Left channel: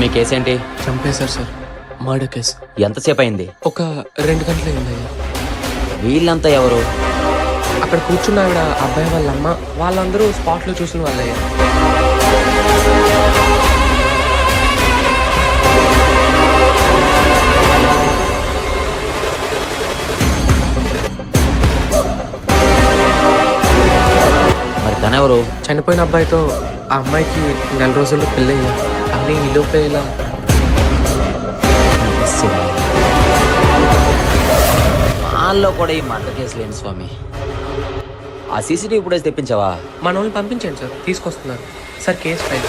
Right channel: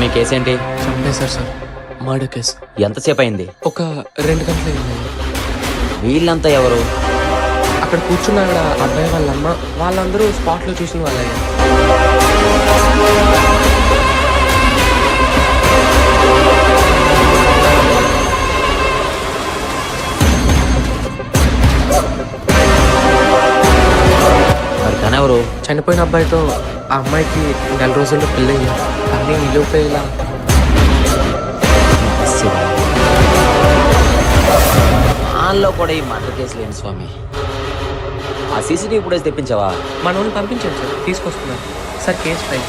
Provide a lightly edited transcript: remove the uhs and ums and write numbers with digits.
స్వామి కేసేంటి? చంపేశారు sir, murder case. ఎంతసేపు అయింది? ఒక 2 గంటలు అయిందయ్యా. వీళ్ళంతా ఎవరు? అక్కడ కూర్చున్న ఆవిడ, అబ్బాయి వాళ్ళ అమ్మ, వాళ్ళందరూ స్పాట్లో చూసిన వాళ్ళయ్యా. మరి తనెవరు? చనిపోయిన అబ్బాయితో ఆ అమ్మాయికి 4 రోజుల్లో పెళ్ళయ్యా. కానీ ఈ లోపే ఇలా. నమశివాయ. వాళ్ళలో కూడా ఈ మర్డర్ కేసు లేని స్వామి. ఆ సీసీటీవీ ఫుటేజ్ తెప్పించావా? మన వాళ్ళని పంపించండి సార్, తీసుకొస్తున్నారు సార్. Case file.